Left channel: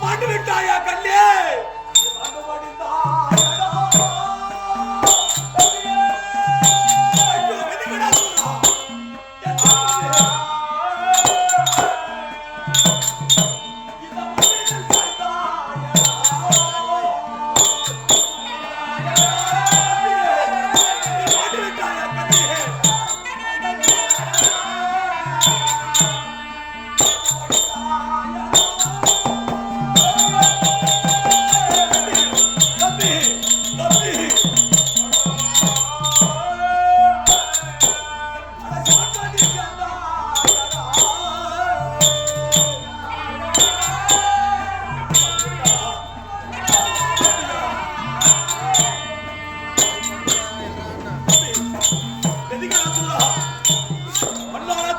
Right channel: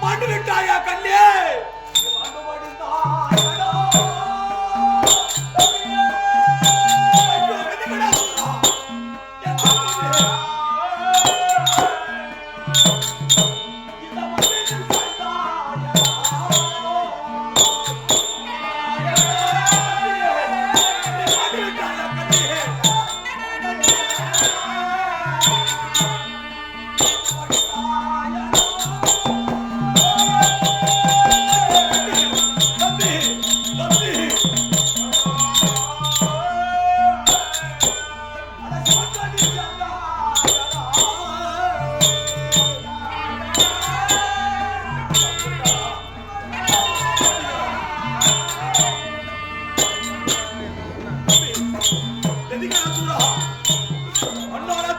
மாண்டு விட்டாயா கண்ணே?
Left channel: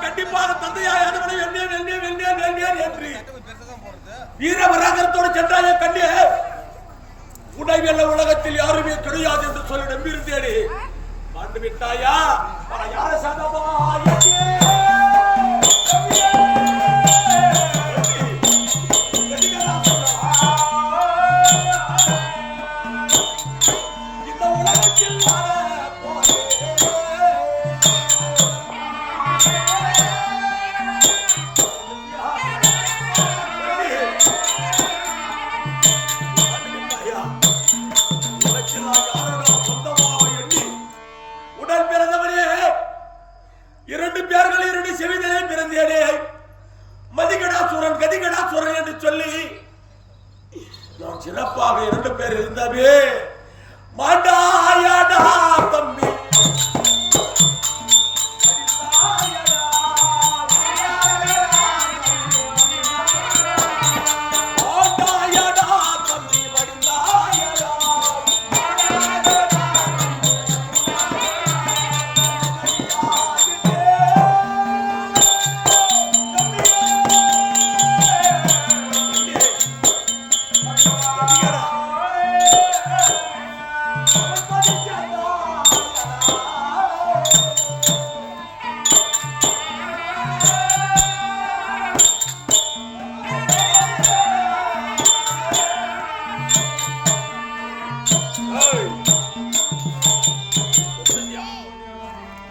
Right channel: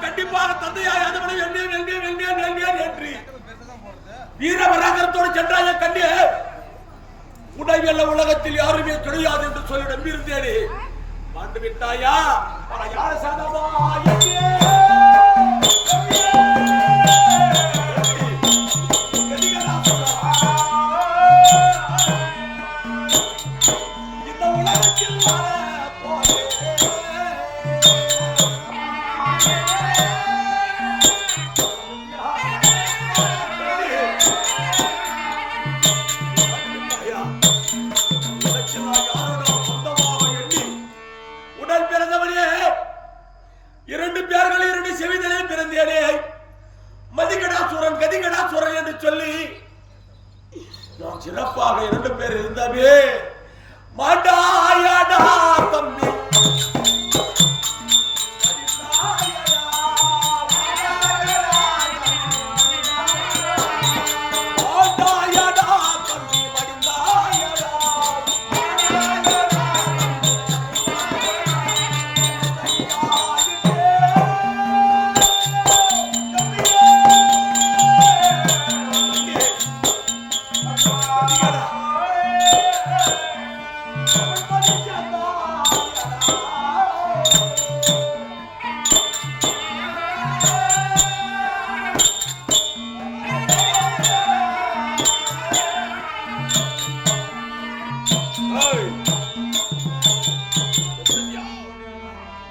கண்டிப்பாக தந்தையாய் அதவனை என்று வீரபராகரத்தோடு சென்றாய கண்ணே, உடைவெல்ல உலகத்தில் யாருமே கிடையாது என்று சொல்லி நம்பியிருந்தேனே. மாண்டு விட்டாயா? யார சாதமா இந்த உலகத்தில் இரண்டு பேர்கள் இரண்டு செவிதலே பிறந்தேனே. மதிகடாசுரன் கதிகடாசுரன் என்று சொல்லி நான் சிறப்பாக இரண்டு பேர் இருந்தாவே. மாண்டாயடா தம்பி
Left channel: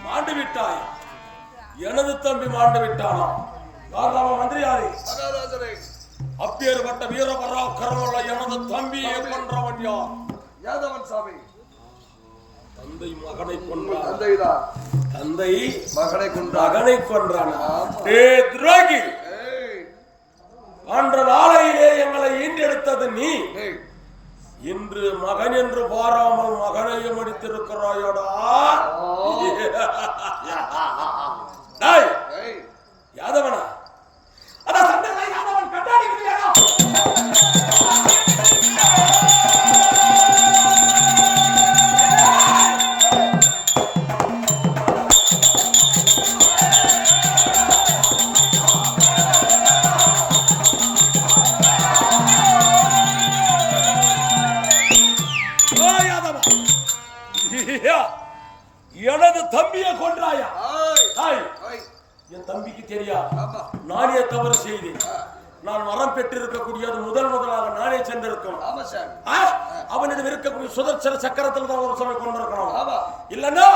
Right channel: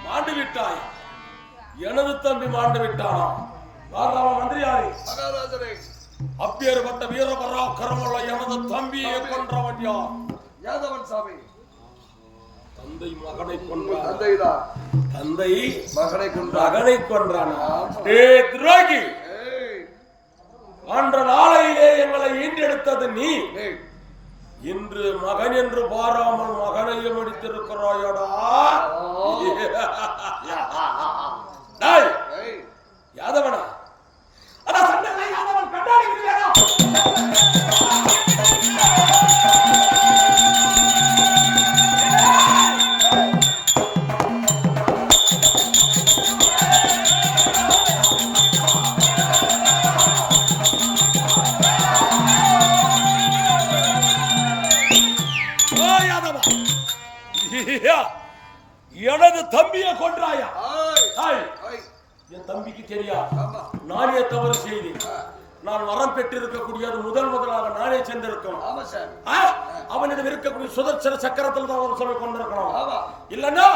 மாண்டு விட்டாய். எனது தம்பி மாண்டு விட்டானா? மந்திரியாரே, அப்பேற்பட்ட வீர பராக்கிரமமுள்ள எனது தம்பியை கொன்றவன் யார்? யாதவன் சாமி. தந்தை மகனை கொன்றான். தந்தைதான் தந்தை மகனை கொன்றானா? துரோகி, அன்ற நாளையிலே எங்களை ஈண்டெடுத்தது நீ. இன்று மகன் என்று பாராமல் மகனையும் அடித்திருக்கிறாயடா. யாதவனா? அதான் சண்டை யாதவன் கண்டாடிக்கிறீங்களா? எனது தம்பியை கொன்றாயா? என் தம்பிக்கு தெரியா? நானே தவறு செய்தேன். நான் வரம் பெற்றிருக்கக்கூடியது முதலாக நானே சென்றிருக்கணும். அவனிடம் இருக்கக்கூடிய சுதர்சன சக்கரத்தில் தான் ஒரு சமயம் கொண்டிருக்கணும். இல்லன்னா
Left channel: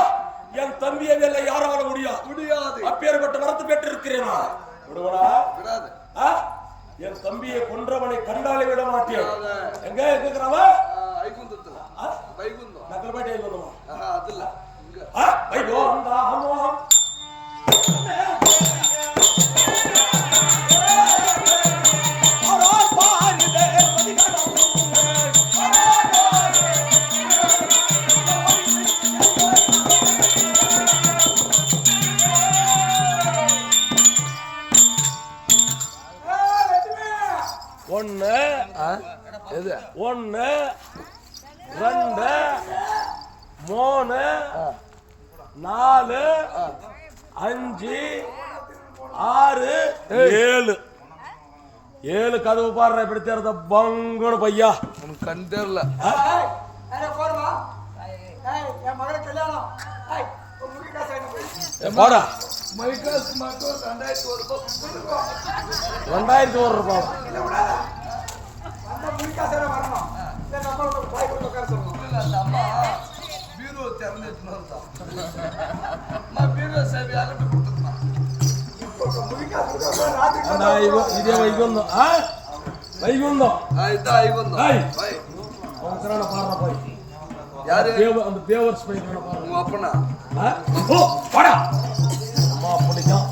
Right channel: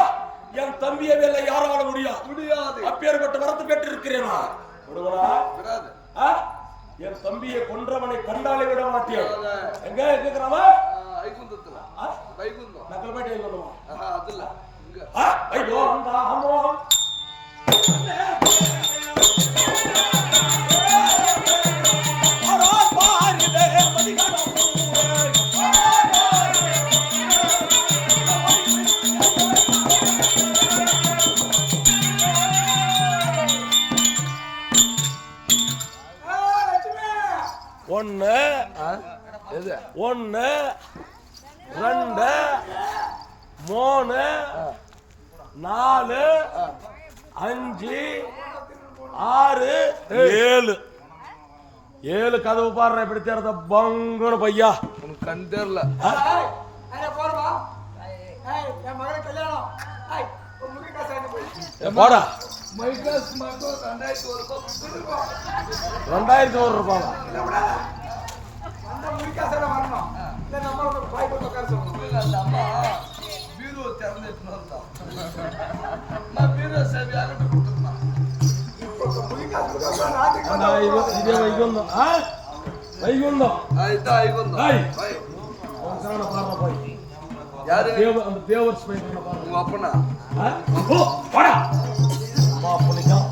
என் தம்பியை வேலை யாரால முடியாது. அப்பேற்பட்ட வரத்து பெற்றிருக்கிறேனா? விடுவனா? என் தம்பியை கொன்றவனை கண்டாலே விட மாட்டேன். எங்க இருக்கிறவன்? நக்கல்பேட்டை சொல்லுமா? ஒன்னு 2 3 4 5 6 7 கதவு பாடுற இப்படி தேர்ந்த பங்குன்னு பையா. எனக்கு கண் தெரியல. போடா மைக்ராஸ் மட்டும் 2001 ரூபாய். 2001 ரூபாவா? இல்ல விடாத. வந்த முடிக்காசோட வரணும். இல்ல நம்ம வந்து பாய் போட்டு உட்கார சொல்லணும். அந்த அம்மா பீரோ திறந்து வச்சுதான். அம்மா பீரோ சேவை யார்கிட்ட கொடுத்துருமா? இப்போ முடிக்காசு கொடுத்தா ராத்திரி அண்ணா, இதே வைகுந்தம். வைகுந்தம். இதான் ஐவன் ஏய். தான். அவன் திரான பாடுறா போய். யாரு? அந்த பேவர்ஸ் போயிட்டு பாடுறா. உங்க அப்பனா? ஓ போடா. அம்மா புளிக்கும்.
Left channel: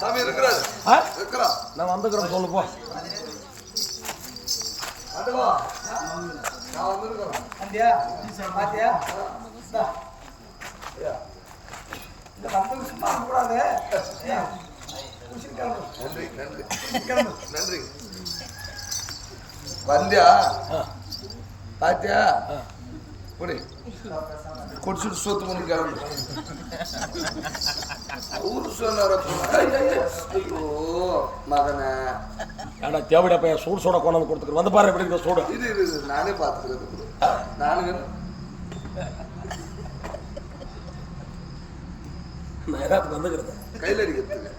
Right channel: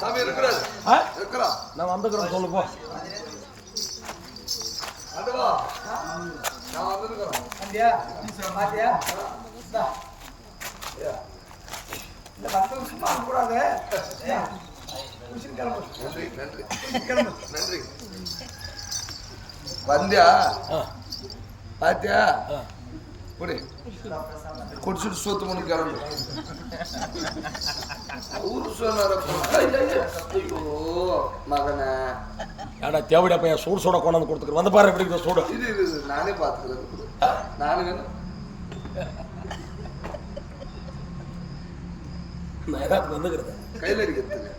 சாமி இருக்கிறாரு. இருக்கிறா. நான் வந்துக்கிறேன் சொல்லு போ. அடவா. நான் வந்திருக்கிறேன். அண்டியா பாத்தியா இந்தா. ஐயா, இல்ல வந்து சும்மா இருக்க கூடாது. குஷின் கிளம்பு. நன்றி நன்றி குஷின் கிளம்பு. நன்றி. வந்தியா? பாத்தியா? குடி. குடிச்சிட்டு சோத்து மணி கிளம்பு. ஊரு சொன்னார. ஐயோ மகனே. ஏடா தேவடியா பையன் சூடு சோட கொண்டாந்து கொடுத்துரு. வந்து பாரு எப்படி இருக்குது சூடு. இது நானே பார்த்துக்கிறேன். நானு நான் ஏதாவது வந்துக்கிறேன். கையில் அடிக்கிறதுக்கு.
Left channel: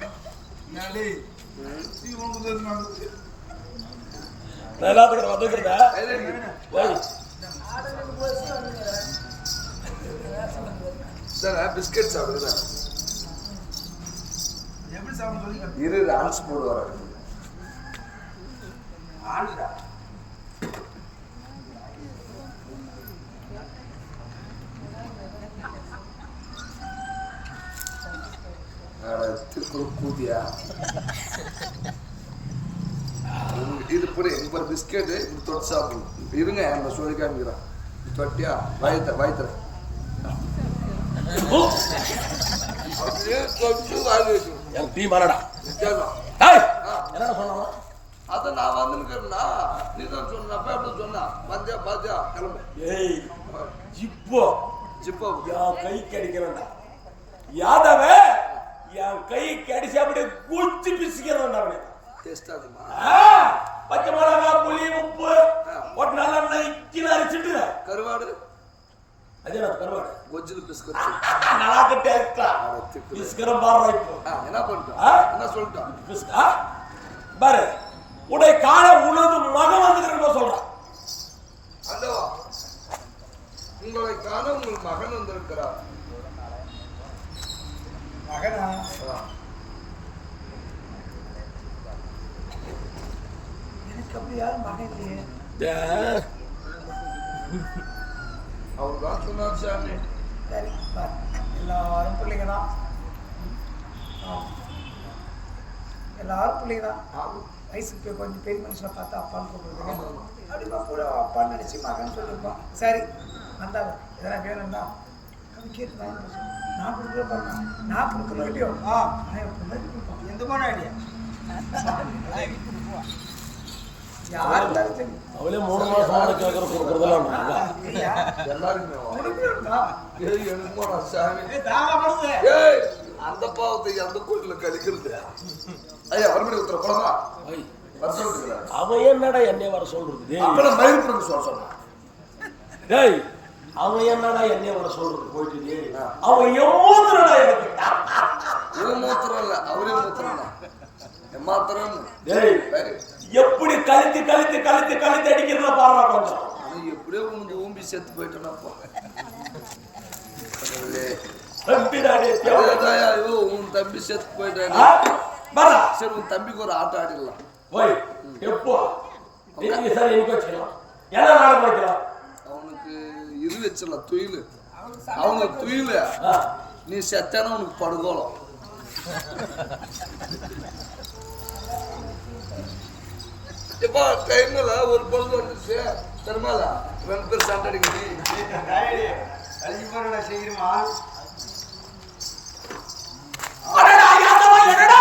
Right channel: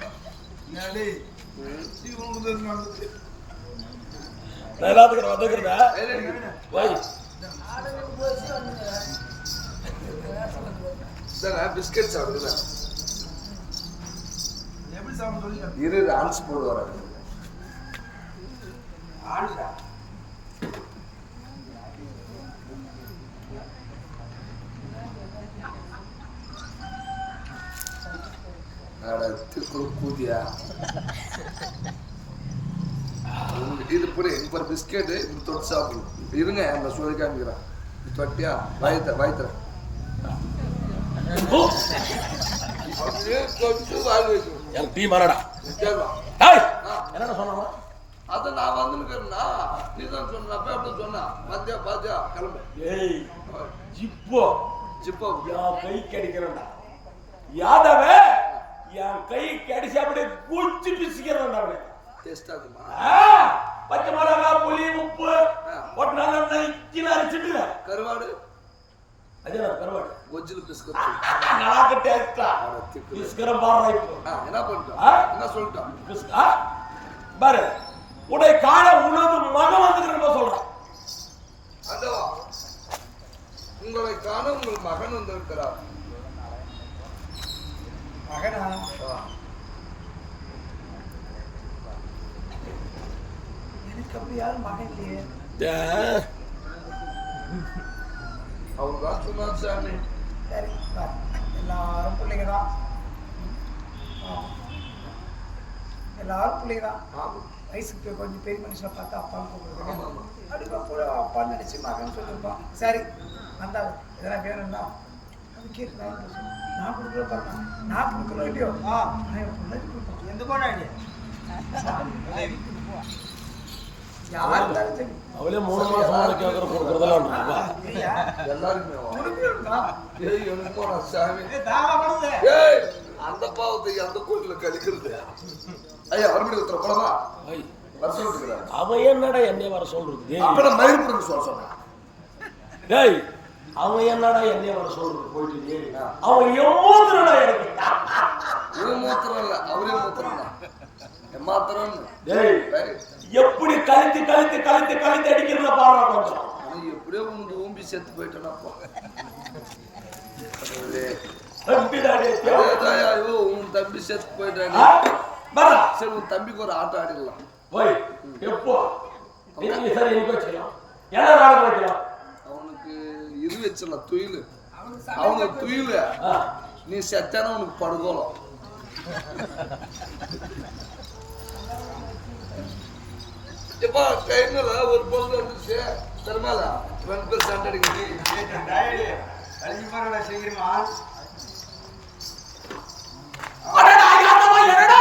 நான் எல்லாத்துக்கும் வந்துக்கிறேன். கையில் அடிக்கிறது. ஓய் பிஸ்கட் சாப்பிடுறேன். எப்படி சாப்பிட சொல்லி இரு ஆன்ஸ் போடுவார். ஆளுடா. கூதியா இது புரி இப்ப பிஸ்கெட்டு இப்படி தொட்டு சாப்பிடணும். இருங்க நான் சொல்லி காமிக்கிறேன். தொட்டியா வாய்த்துறேன். N T மாறடா. என்னடா சொன்னா? அத நான் வந்துருக்கேன்னா நீ தான் சொன்னப்ப அப்படி சொன்னா மத்தியா பாத்தியா கிளம்பு. ஏய் ஜிப்போ ஜிப்போ என் கை கடிக்கிறேன்டா. யாதவ என் கை கடிச்சு அப்படியே குச்சி பிசிக்கிறேன்டா அவனே. டேஸ்ட் ஆகுமா? பச்சை மிளகா புளி உப்பு போட்டு நல்லா நைக்கின்னு அரைச்சிட்டு கருவாடு அதே நான் கருவாடு கொஜ்ஜில் பிஸ்கட் நல்லா டேஸ்டா பிஸ்கரம் பாடுறா இப்போ. என்ன பண்ணிட்டோம்? என்ன சொல்லிட்டோம்? பாரு உடை காண உனது மகன் வந்துக்கிறேன் சொல்றான். அந்தவா உங்களை காண உங்கள் மகன் வந்திருக்கிறார். மகனா எனக்கு அப்படி யாரும் மகன் இல்லையே. அவர் தான் சொன்னார் சாமி. சரி பாரு எல்லாரும் பிள்ளைங்க தான். எல்லாரும் பிள்ளைங்க தான். ஆமாம் வயசுக்கு போய் கொஞ்சம் பெரிய மனுஷனை பார்த்து அப்பான்னு கூப்பிடுறது. ஆமாம் ஆமாம். அப்படி கூட அப்பான்னு நினச்சி மகன் சொல்லியிருப்பான். சரி வந்தாங்க இதெல்லாம் வேணும்னா அது கேட்டு நான் என்ன சொல்லுவேன். நான் கொடுக்குறேன் பாருங்க. நான் கொடுக்கணும் இல்லையோ நான் என் பிள்ளைக்கு கொடுப்பேன். எந்த போன ஐடியா யார் இருந்தாலும் சரி. அவளே 3 மாசம் கேட்கற கொடுக்குறதெல்லாம் எல்லாருக்குமே கொடுக்கணும்டா. ஏய் எனக்கு நான் சாமி. தாராளமானது. ஏய் அந்த பாவத்தை அந்த கோயிலில் கழிக்கிறது. ஐயா மறுபடியும் உத்தர போலமா வர சொல்லிருக்கிறார். அவன் என்னடா என்னைய வர சொல்றது? அப்ப நான் மயிர் பிடுங்க சொன்னான். டேய் அவன் என்னடா என்னைய வர சொல்றது? போயிட்டு அவன் எம்மூத்துறடா எனக்கு. இவன் மூத்திரம் இல்ல அவரே மூத்திரம் தான். எம்மாத்திரம். டேய் எப்படி கழுத்து கழுத்து கழுத்து கழுத்து அடிக்கிறத பாடுறா கொஞ்சம். ஆனா எப்படியோ உனக்கு ஊம்பி செத்து போயிட்டேனாப்பா. ஐயோ உன் தம்பி செத்து போயிட்டாரு. சரி உன் தம்பிக்கு ஒரு ஆட்டம் ஆடிடலாம். போய் எப்போ சரி எனக்கு வச்சுக்கலாம். என்ன நாடகம் வைக்கலாம்? அவனுக்கு இது வச்சிடலாம் துயில். அவனுக்கு துயில். நீ செத்தானா உனக்கு படுகோலம். இப்போ டைம்ல ஒரு பொழுது வந்துச்சு தருமாலா 2 பேர் சண்டை அடிக்கணும். சீக்கிரமா என்னடா